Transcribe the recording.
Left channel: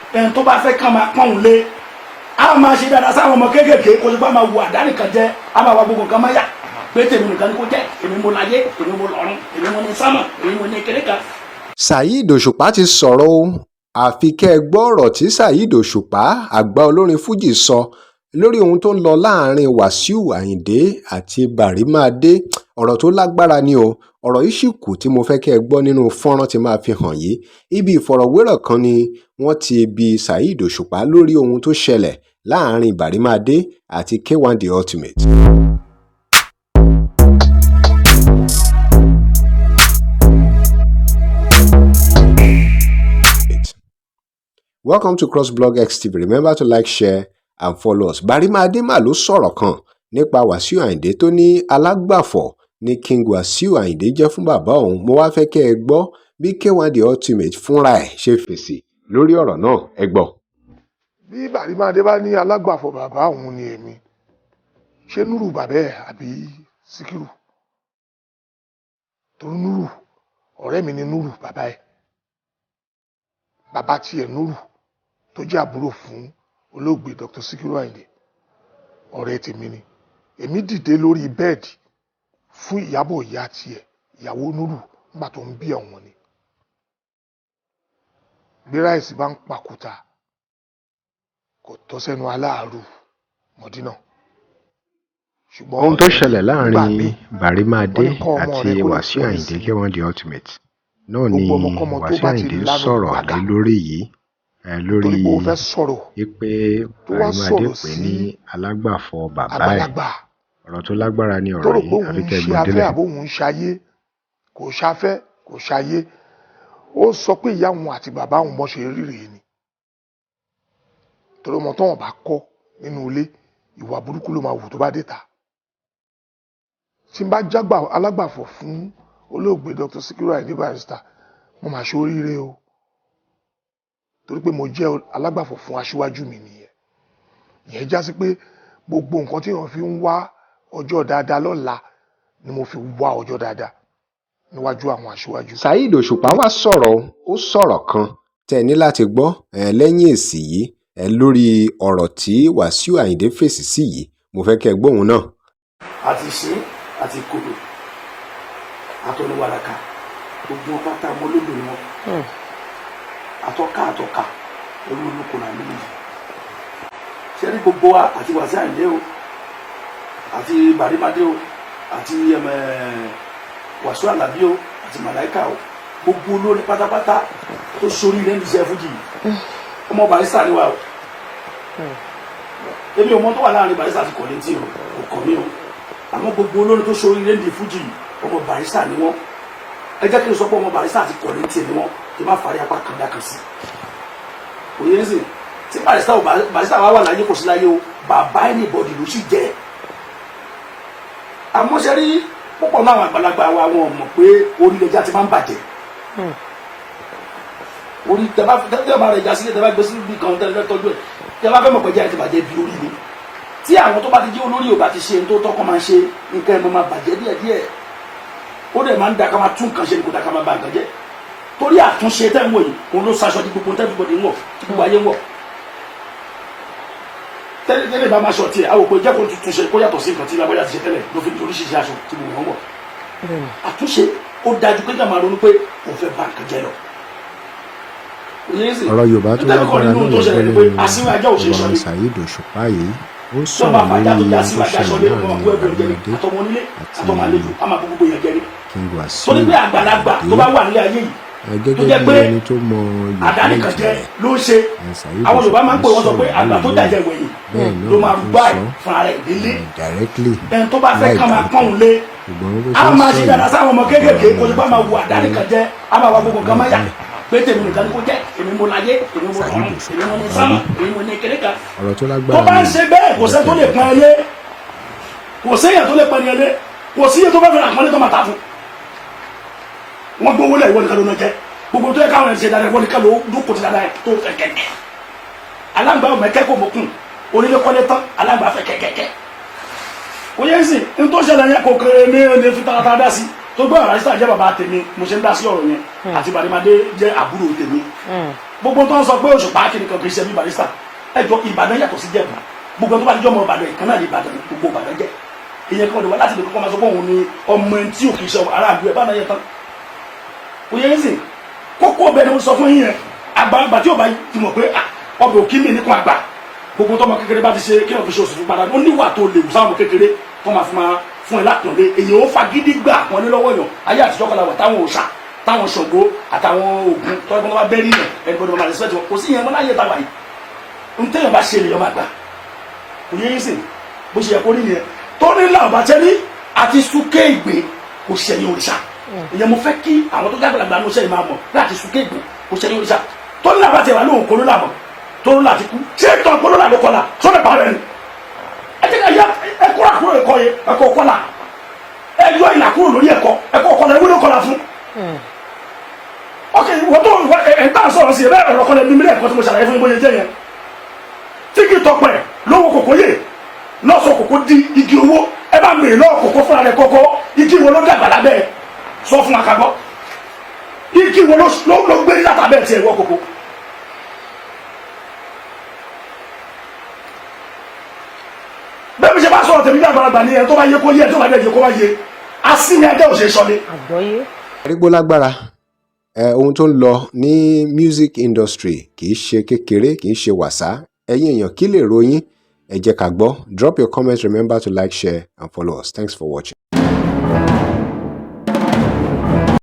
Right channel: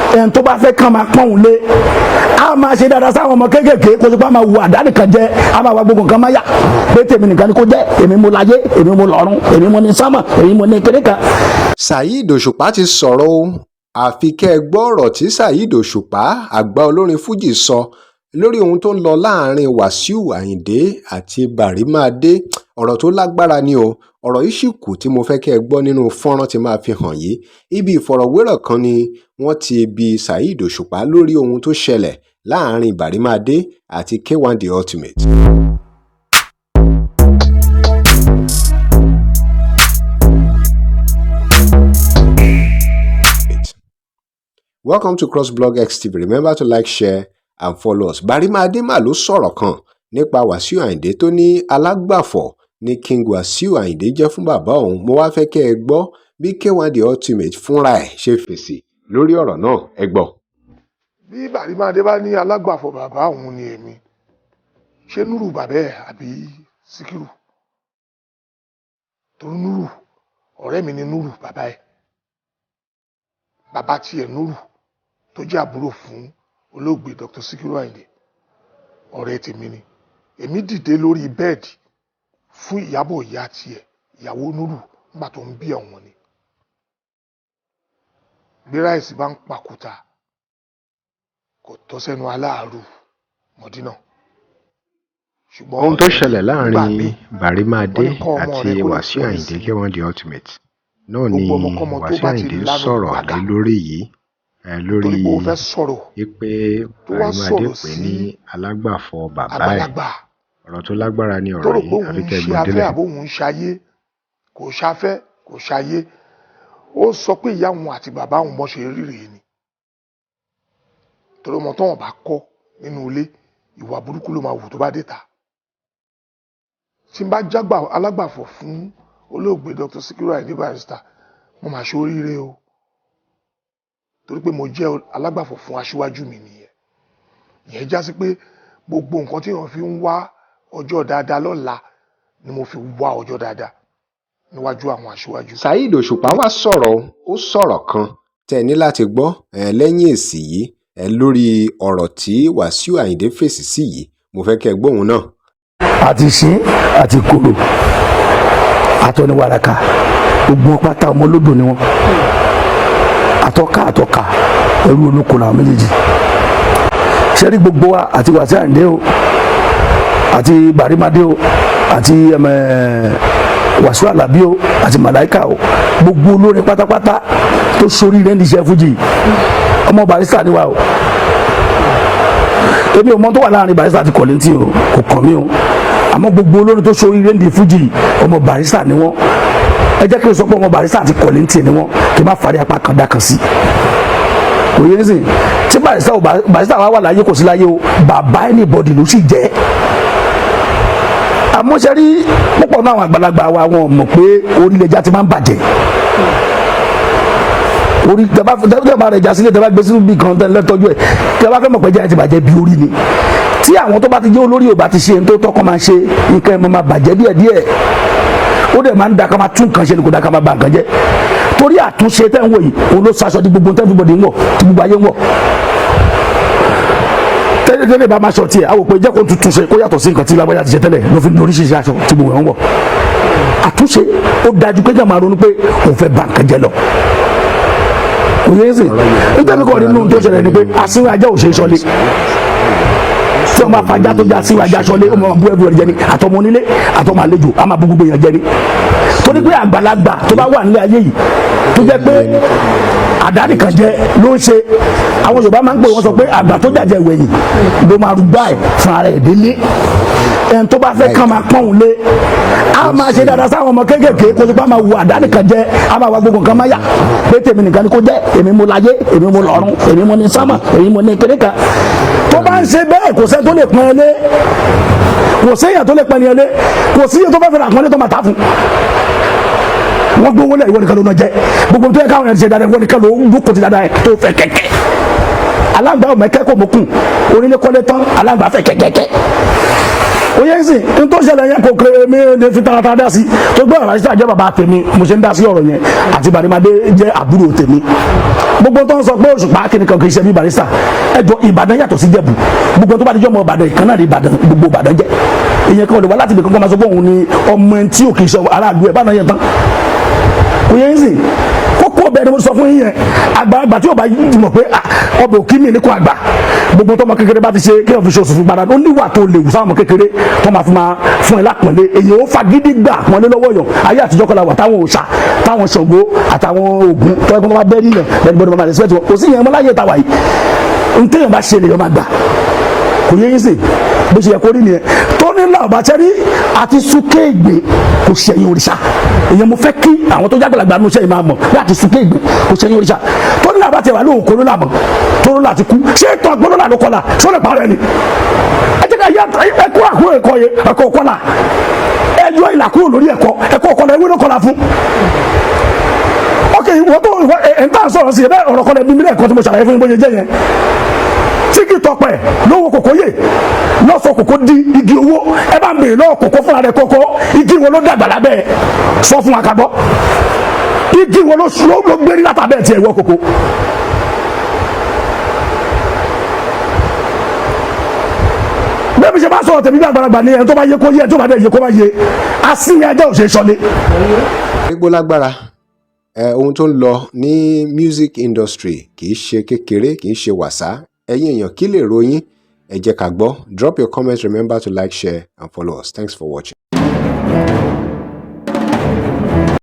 ẹn tó bá fẹ́ kàn máa pọ́n lé a máa ṣe dáadáa sáwọn ọmọ kéékèèké kó tó bá máa wo àdáni kan jẹ a máa wá gbogbo nǹkan máa yá pé tèmi nìkan ni kò jẹ èmi mo láyé èmi mo lọ́run èmi mo ní sámà èmi mo ní kéré kan. Saheed Osupa ti sọ̀rọ̀ o àfi kẹ́ ẹ gbọ́ ọ̀rọ̀ tí Saheed Osupa àgbà olórin fújì sọ lórí ohun tó ń lọ láàrin Wasiu Ayinde àti Bàrímádé. Ọ̀rọ̀ tó lágbára ni o, ọ̀rọ̀ yìí sì kù tí mo fẹ́ kẹ́ ẹ gbọ́ nínú fọ́nrán tí máa fi hàn yìí. Ibi ìfọ̀rọ̀wérọ̀ kan ni wọ́n ti bi Saheed Osupa lórí ohun tó ṣẹlẹ̀ láàrin Bàrímádé àti K1 The Ultimate. Welcome to CrossBlog XTV. Remember to like, share and follow us. Bàrímádé mà ló sọ̀rọ̀ kan nípa Wasiu Ayinde tó ní alágbàfọ̀ ní King Wasiu Ayinde jẹ́ fún bàbá òun. Mo wá fẹ́ kẹ́ ẹ gbọ́ bí K1 The Ultimate fúnra ẹ̀ ṣe fèsì lórí ọ̀rọ̀ náà. Ẹ gbọ́. Bí Bàrímádé bá ní alágbàfọ̀ bàbá òun ni èmi, ṣé Núrù bàbá ẹ̀ àbí Síkírù? Torí Núrù, ọ̀rẹ́ mi ni Núrù bàbá ẹ̀. Bàbá tiẹ̀ Núrù tó jẹ́ àbúrò fún olóògbé Dr. Síkírù Ayinde, ọ̀rẹ́ tèmi ni. Èmi dìde lórí bẹ́ẹ̀dì fún Ìyábọ̀ ìyá tiẹ̀, ìyàwó Núrù nígbà tó ń bí ọ̀wọ́n ni. Bí ráìsì bá ń pàkúta, kò tọ́ sẹ́nu aláàárù Mọ̀dínà. Ṣùgbọ́n ohun tó ṣẹlẹ̀ láàrin Bàrímádé àti Wasiu Ayinde K1 The Ultimate náà ni Wasiu Ayinde sọ̀rọ̀ lé lórí yìí lórí pé Bàrímádé pè ní alágbàfọ̀ bàbá ẹ̀. Ọ̀rọ̀ tó lágbára ni ọ̀rọ̀ yìí àfi kẹ́ gbọ́ délẹ̀. Àbóhùn ṣayé kò ṣafẹ́ kò ṣayé, ó sọ pé ìyá òun àti bàbá òun bọ́ ṣe ríre ni. Torí ọmọ tó wọn bá kọ́ nínú ilé ìwà burúkú ló máa wù tó bá dé ta. Tí n bá jágbà alágbàfọ̀ fún olóògbé Dr. Síkírù Ayinde Barrister, mo máa ṣe oríire o, torí pé mo jẹ́ alágbàfọ̀ fún aṣíwájú mi nìyẹn. Ìyẹn já sí pé gbogbo nǹkan tí wọ́n fi ń wá ọjọ́ dáadáa lọ́la ni mo fi wá ọjọ́ dáadáa níwájú àwọn aṣíwájú. Saheed Osupa wá sọ̀rọ̀, ó sọ̀rọ̀ kan tẹ́ ní láti gbọ́ lẹ́yìn èsì yìí lórí ọ̀rọ̀ tí Wasiu Ayinde fèsì sí yìí. Mo fẹ́ kẹ́ gbóhùn náà. àti ṣín àti kòlò àtọ́niwàràkà gbogbo wọn pátá ọmọ olódò ni wọn, àtọ́ka ẹrú olóko làwọn méjèèjì. Ṣẹ́rí gbogbo wa àti Wasiu Ayinde o àti Bàrímádé o àti Wasiu Alabi o àti Màláíkà o, gbogbo olórin pátápátá tó sórí rẹ̀ ní iṣẹ́ fújì ọmọ Barrister ni wa o. Èmi ò mọ tó wà láàrin Barrister àti Kọ̀lẹ́ntì o, kò kàn mí o, àmọ́ gbogbo olórin tó sórí rẹ̀ ní fújì ọmọ Barrister ni wọ́n. Ẹ jẹ́ kí n sọ pé ọmọ Barrister àti Kọ̀lẹ́ntì ni wọ́n, kí n má fàrí apá kan dá kan sí. Kò yé nísìn tí Barrister wà láyé kò sí láyé o, bàbá anybody ló sì jẹ́. Àmọ́ ṣe rí púpọ̀ náà àwọn àgbàlagbà wa wọn mọ̀ pé orílẹ̀-èdè ti máa ń bàjẹ́. Orí tẹ́bá rẹ̀ já sílẹ̀ tẹ́bá gbé sínú bí kan lẹ́tọ́jú ẹ̀ tẹ́bá fẹ́ mọ̀ pé jẹ́ ti bàjẹ́ bí orí ni. Tí àwọn tó bá ti jẹ́ olórí ò bá ti ṣe tó tọ́kọ́ máa ń ṣe nǹkan ẹnu máa bàjẹ́ díẹ̀díẹ̀. Ó dẹ̀ máa ń da ká máa tún nǹkan ṣe ni kò da ká máa ba nǹkan jẹ́. Torí àtúnṣe tẹ́ ń wò yìí òun ló ṣaṣọ di gbogbo tẹ́ everybody ń wọ̀ tí gbogbo ayé ń wọ̀. Tẹ́lẹ̀ bá máa ṣọ tiẹ̀ àwọn òpè jẹ́ kó tuntun ṣe kó yàtọ̀ sí nǹkan tí lábájá ti ṣe tẹ́lẹ̀ ló fi ní oríṣiríṣi aṣọ tí gbogbo ẹ̀ ń wọ̀. Àtúnṣe ó dájú pé jẹ́ máa ronú pé òun fẹ́ ba nǹkan jẹ́ lọ. Òye sì nítorí kọ́ nínú tó ṣẹlẹ̀ ni pé àsìnwó ajá ò ṣe é ṣọlé. Tí wọ́n máa fàájà tó jẹ́ àsìnwó ajá ṣọlé ó máa bú ẹ̀bùrẹ̀ jẹ ní àtọmọ onílé àtọmọ àlejò á máa bú gbogbo èèyàn jẹ ní. Torí pé àgbàlagbà tó bá wà nílé ayé yìí tó jẹ́ pé àdáni kan jẹ ló ń ṣe, àwọn Yorùbá máa ń pè wọ́n sọ pé àgbà tó jàjẹ wẹ̀yìn ló máa rú báyìí fún ara ẹ̀ délé. Ẹni tó bá fẹ́ kàn máa pọ́n òun lé a máa ṣe dáadáa sáwọn ọmọ kéékèèké kó tó bá máa wo àdáni kan jẹ a máa wá gbogbo nǹkan máa yá pé tèmi nìkan ni kò jẹ́ èmi mo láyé èmi mo lọ́run èmi mo ní sábà èmi mo ní kéré kan. Tó bá ń ṣe bẹ́ẹ̀ kò sẹ́ tó lè pọ́n ilé, kò sí èèyàn tó lè pọ́n ilé, kò sí èèyàn tó bá fẹ́ àpọ́nlé tó máa ta fún. Wọ́n gbówó lẹ̀ ìwọ nìkan ló náà jẹ́ gbogbo tó yẹ káwọn ẹ̀ ṣe dáadáa ìwọ nìkan ló ń kò ti dáadáa ẹ̀ tó fẹ́ kẹ̀kẹ́. Alágbà ọmọ ẹ̀kẹ́ kò mọ̀kùn onílé kọ́lé tán alágbà fẹ́ kẹ̀kẹ́kẹ́. oyè sì tó ṣẹlẹ̀ yẹn kò kéré mi ní fi tààtà dá sí tó gbọ́ Barrister jẹ́ bàbá tèmi mo ṣe ń dá sí ọ̀rọ̀ yẹn àti Bàrímádé jẹ́ àbúrò tèmi gbogbo tó ń sọ pé Òṣùpá kìnìkan kì í ṣe bí Barrister ẹjọ́ Ìbàdàn yàtọ̀ sí Jẹ̀bú gbogbo tó bá dijọ́ ọmọ Ìbàdàn ìkan náà ní Ìbàdàn gbogbo Ìbàdàn jẹ́ ìyẹn kan lè wá láti ibìkan kan máa sọ pé òun ni ọmọ tí ò kì í ṣe aráàlú ẹ̀ bá náà yẹn tán oyè sì kókó ọbẹ̀ ni wọ́n sọ fún yín yẹn àgbàlagbà tí ọba yìí mọ̀ pé ọbẹ̀ òkì mi ní kò àgbà gbogbo tọmọ kékeré bá ti ṣe kí wọn fi ṣe oṣù fún gbàdá ó níwà tó lè sáwọn ọmọ kékeré tó máa fi máa fún ẹ lápọ̀nlé èyàn ó fagídí gbà pọ̀nlé lọ́wọ́ yàn ayé àtijọ́ kọlà wà táwọn òòṣà táwọn Ṣàngó àtàwọn Ògún tó ẹgbẹ́ wọn bá bẹ́ nílẹ̀ bẹ́ẹ̀ gbọ́dọ̀ máa respect wọn kò sí ìyẹn mọ́ láyé tàwa yìí ntẹ́yìn bá ṣe lèyàn máa gbà kò yẹ yín sè bó ṣe yẹ kó rí nìyẹn tó ní làbàtẹ́rí àti súkéègbè kò ṣẹ̀yìn òrìṣà ìyẹn mo fẹ́ kí àwọn tó jágbàlagbà ní oṣù máa mọ̀ láti súkéègbè kò ṣẹ̀yìn òrìṣà tó ní làbàtẹ́rí wà lóhùn kó ló làmọ̀ tó ló láti kú ṣé ètò àgbọ̀lọ́ là ló kọ́la sọ́lẹ̀ parẹ́ ni ẹ jẹ́ ká yẹ ẹkọ́ àkúrò ẹ̀kọ́ yẹ ẹ̀kọ́ kọ́la ẹ yọ ìlà kúrò lórí ẹ̀kọ́ kọ́la ewé ló kọ́la fún ok wọ́n tó ẹ̀ tá a sọ̀rọ̀ sí ẹ bẹ́ẹ̀ ọ̀rọ̀ kọ́la bíbélì ẹ̀kọ́ tí mo ṣàlàyé fún ibojì jẹ́ yẹn tíkì tọpẹ lówó kòkó yè lọ́sọ̀ kòkó di igi owó ẹ bá ń bèrè lọ́wọ́ kòkó fúnra rẹ̀ kókó igi wo ló dàgbà lábẹ́ sọ fún akagbọ́ igi wo ló gbé látàbẹ́ tiẹ̀ wọ́ kòkó. bẹ́ẹ̀ bí ṣe bá sọ̀rọ̀ tẹ̀mí bí àgbàlagbà ni ẹ̀ tó bá yẹ kó yẹ tó bá dẹ̀ yẹ kó bá yẹ asínì ajá òṣèré sọlé. arígbó lágbára ohun tó ń lọ ní music industry kì í ṣe kékeré kì í ṣe wàsá ẹ̀yin èèyàn kí lè ròyìn ẹ jẹ́ ká gbọ́ drop your comments remember to like share and follow us thanks for watching.